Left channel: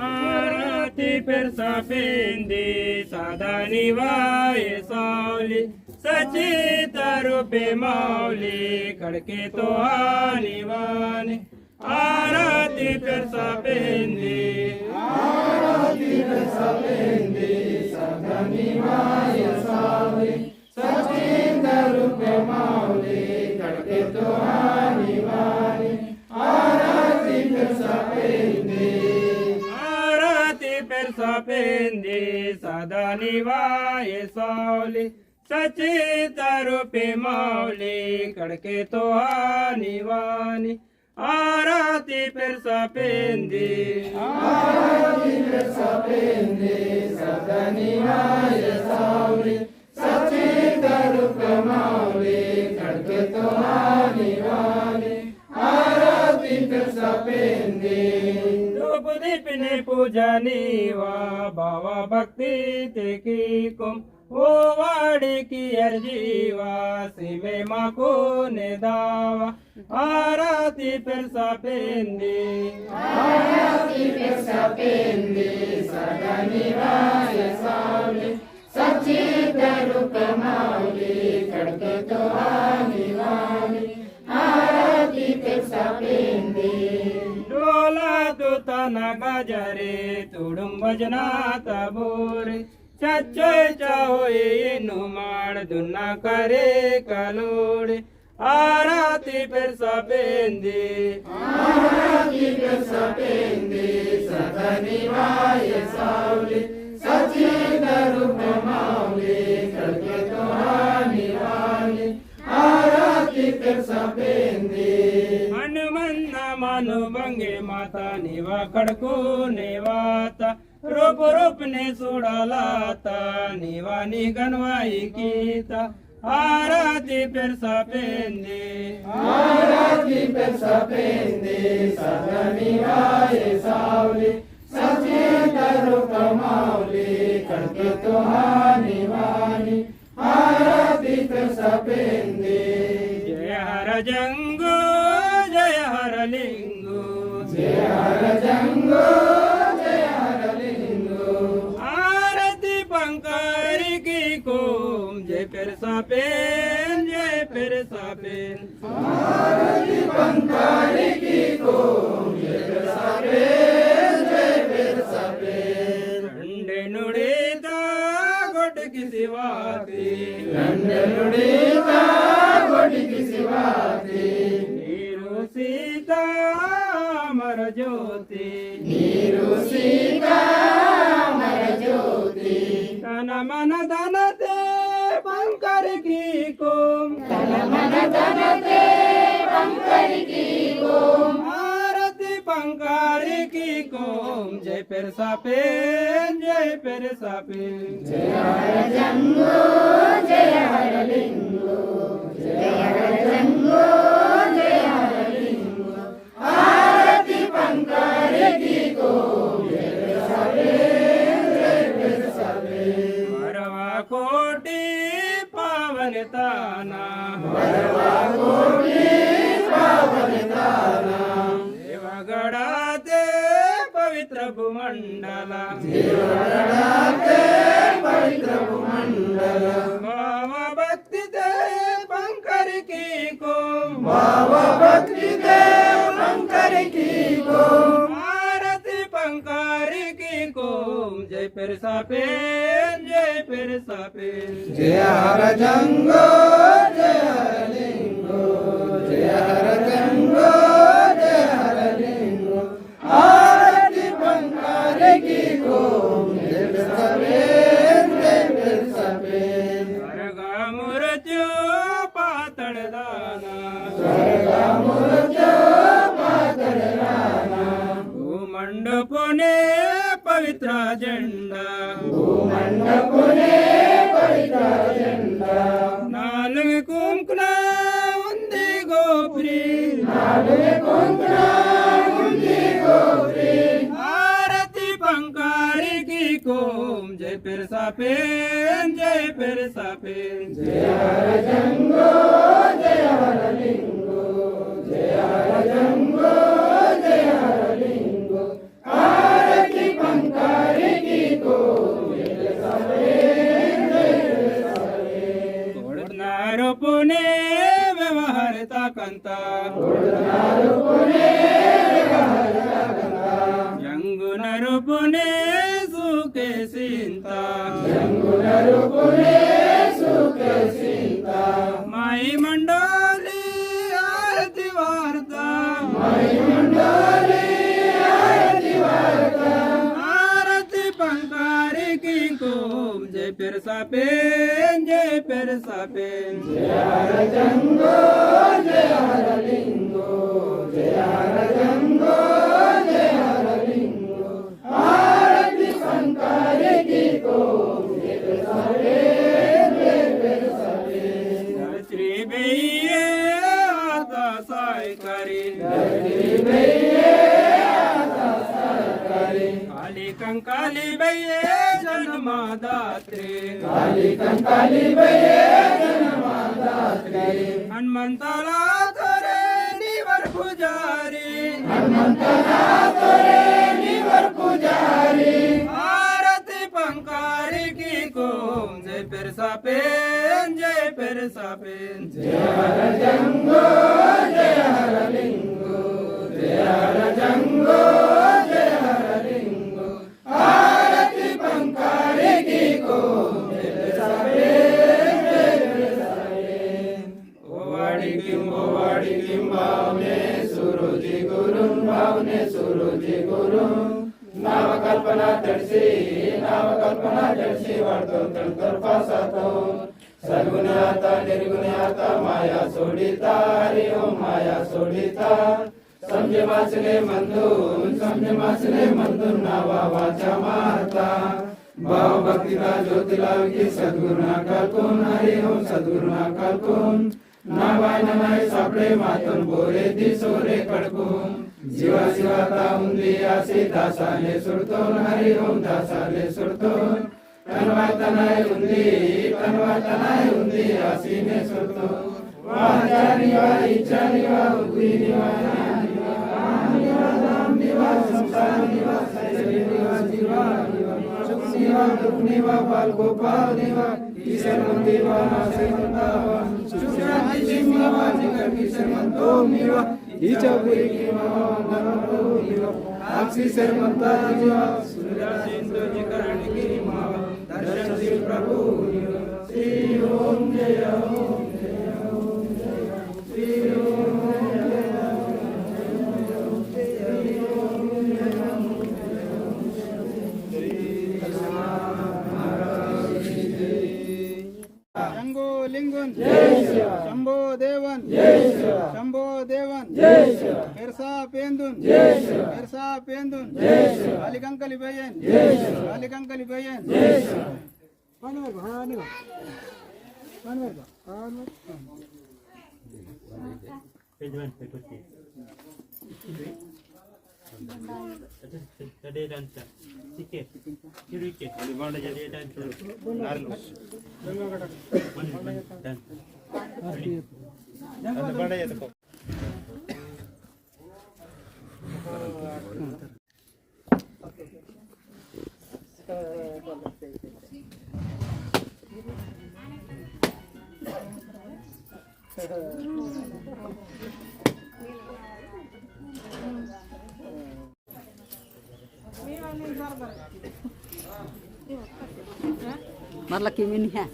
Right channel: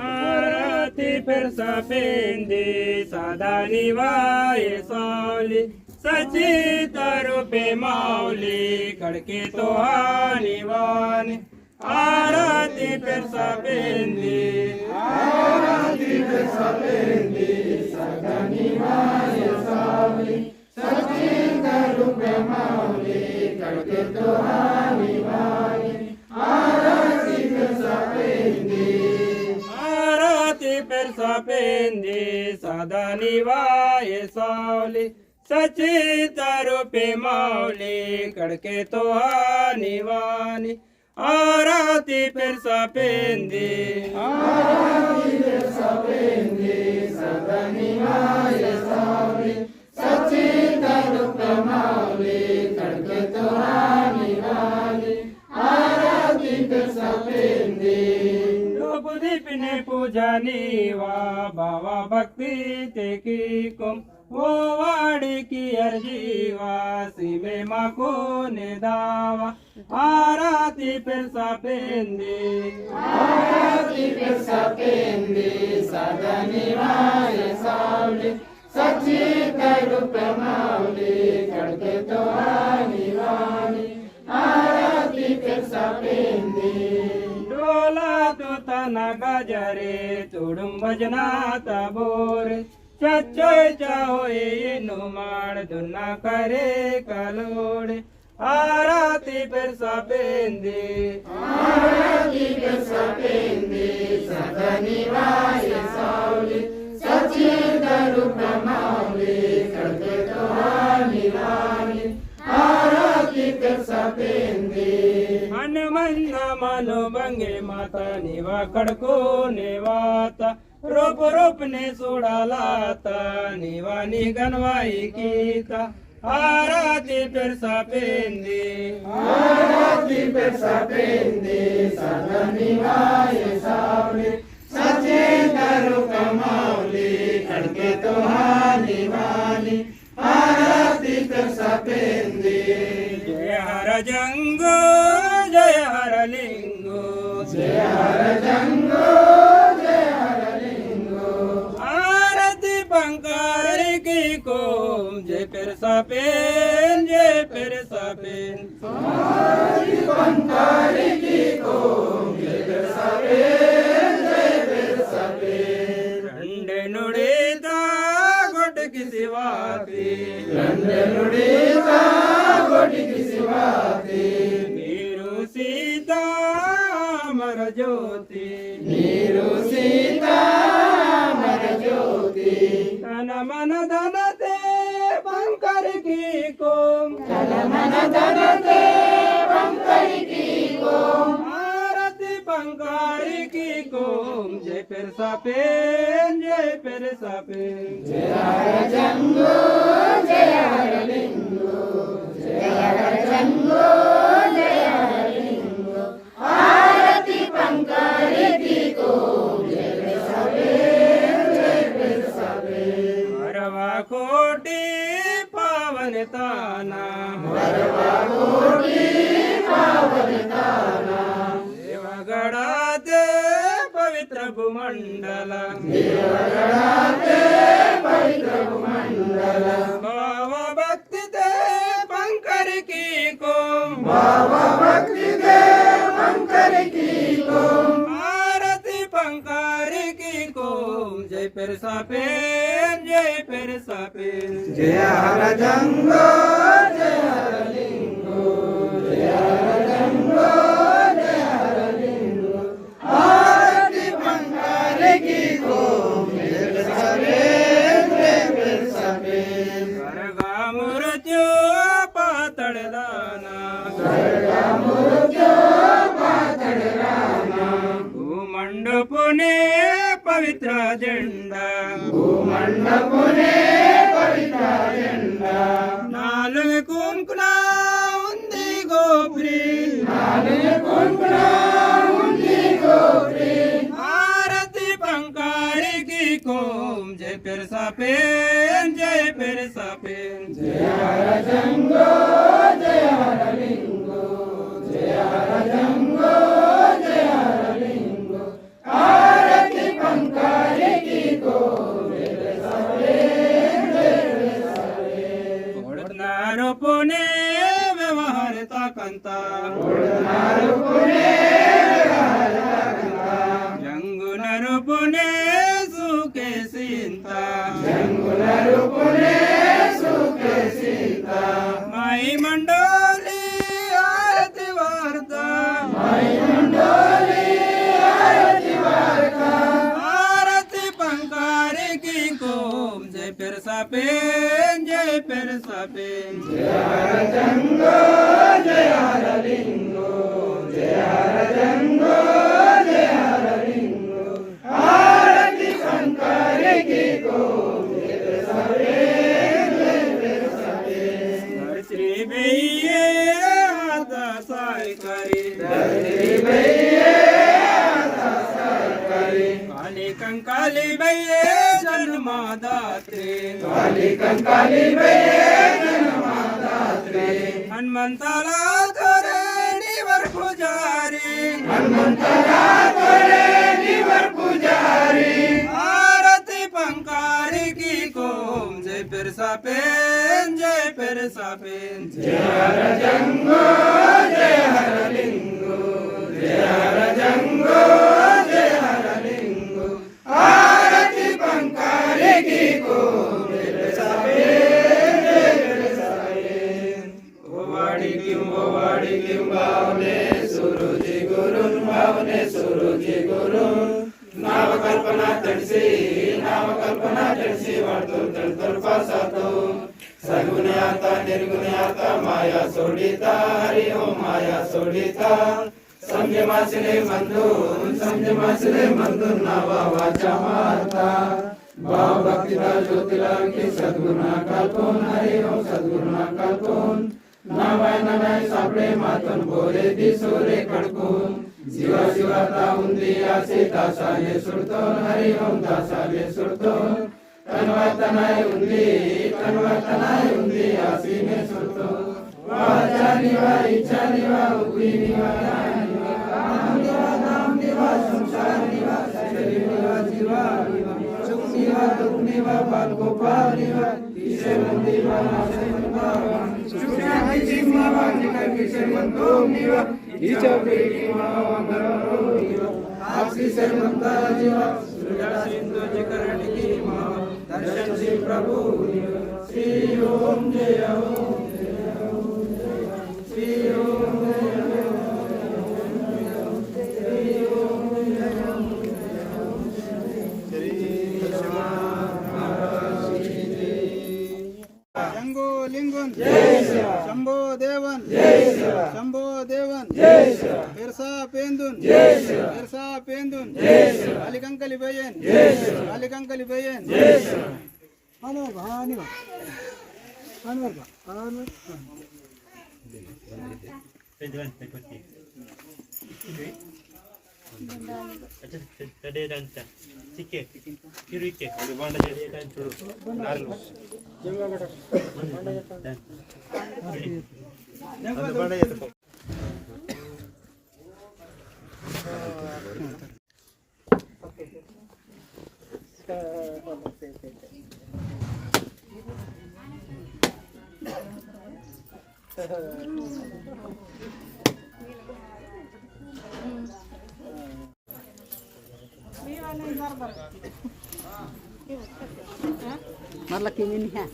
आरती फिर सपेंदी सदा निवाये सावली सचित रूपे माऊली खडके तो निवाने आरती फिर सपेंदी सदा निवाये सावली सचित रूपे माऊली खडके तो निवाने आरती फिर सपेंदी सदा निवाये सावली सचित रूपे माऊली खडके तो निवानी आरती फिर सपेंदी सदा निवाये सावली सचित रूपे माऊली खडके तो निवानी आरती फिर सपेंदी दीपने पूजा नीवा बाबा भक्ति ते की कुम ओ वाड़ी की अर्जीवा सिवे माँ को ने दावा आरती फिर सपेंदी सदा निवाये सावली सचित रूपे माऊली खडके तो निवानी आरती फिर सपेंदी तन गजरे तुडुम भजनात बोरे चच्चय चाहोए नुमाण दुना करे कलोड़े आरती फिर सपेंदी सदा निवाये सावली सचित रूपे माऊली खडके तो निवानी आरती फिर सपेंदी मन मंद मनो बंगे माता निवा खडको नेवाता रूप रूप ने सोडालाता निवानी गणवाई कीता आरती फिर सपेंदी सदा निवाये सावली सचित रूपे माऊली खडके तो निवानी आरती फिर सपेंदी जय हर जंगो जय हर लिंगो जय हर जंगो जय हर लिंगो आरती पंकारी की कोम जय फिर सपेन आरती पंकारी की कोम जय फिर सपेन रंडे नुड़ीता गोट की सिवाती रंडे नुड़ीता गोट की सिवाती सीता मर ज्योति तन मन धन ते पंकर की कोम आरती पंकर की कोम जय फिर सपेन जय हर जंगो जय हर लिंगो जय हर जंगो जय हर लिंगो आरती पंकारी की कोम जय फिर सपेन वरवा कोटि पावन ताना देवगढ़ाते पवित्र भूमंडल बाबा भक्ति ते पंकर की कोम आरती पंकर की कोम जय फिर सपेन जय हर जंगो जय हर लिंगो जय हर जंगो जय हर लिंगो आरती पंकर की कोम जय फिर सपेन स्वर्गा मुरजो पातळ दाना भूमंडपुने पवित्र झंडा नालुवे कुंकुना उंदी गोप्री आरती पंकारी की कोम जय फिर सपेन जय हर जंगो जय हर लिंगो जय हर जंगो जय हर लिंगो माई मंडोली आरती वार्ता आरती पंकारी की कोम जय फिर सापेन जय फिर सापेन जय हर जंगो जय हर लिंगो जय हर जंगो जय हर लिंगो आरती पंकारी की कोम जय फिर सापेन जय फिर सापेन श्री भैये आता साय करी श्री भैये आता साय करी काली कंकाली भैये जन्मदात्री काली कंकाली भैये जन्मदात्री हनुमंताला तोरे निवर पुजारी हनुमंताला तोरे निवर पुजारी आरती पंकारी की कोम जय फिर सापेन जय फिर सापेन जय हर जंगो जय हर लिंगो जय हर जंगो जय हर लिंगो आरती पंकारी की कोम जय फिर सापेन जय फिर सापेन ओवाडी लिम भावने सुरुजी गुरु नामकल्पना तडसी वाढतो तडतड पासातो सद्गुण्याता निर्गुण्याता माया सोडिता हरि ओम माया सोडिता समजे मासले मंदून नावा वाचा माता भाव भक्तीला ज्योतीला की सद्गुणा कालतून हरि ओम सद्गुणा कालतून नावायना नाही सापडे मातून बोरे दिसोरे कडकून जीवा जीवाता उंदी आसे दासाले सुरतोन हरि ओम दासाले सुरतोन कनवाता नाही उंदी आसीने सुरतोन वाचा निवा इच्छा निवा उभी निवा नाम निवा संसार निवा सजनी निवा जीवा निवा सुख निवा दुख निवा बाल गोपाल निवा किसे मंदिरवा नासे मंदावन सुशांति निवा जिनक किसे मंदो निवा नीचा निवा वंदनो निवा आक्षी से मंदा जीवा सुजा सिंधु जिकरण की निवा दर्शन शिव प्रभु निवा श्री ओम जय ओम जय ओम जय श्री ओम लिंगन शंभो देवन शंभो देवन फिरसा पेंदुन अलिकंकली बयन Marla kimi ni ha.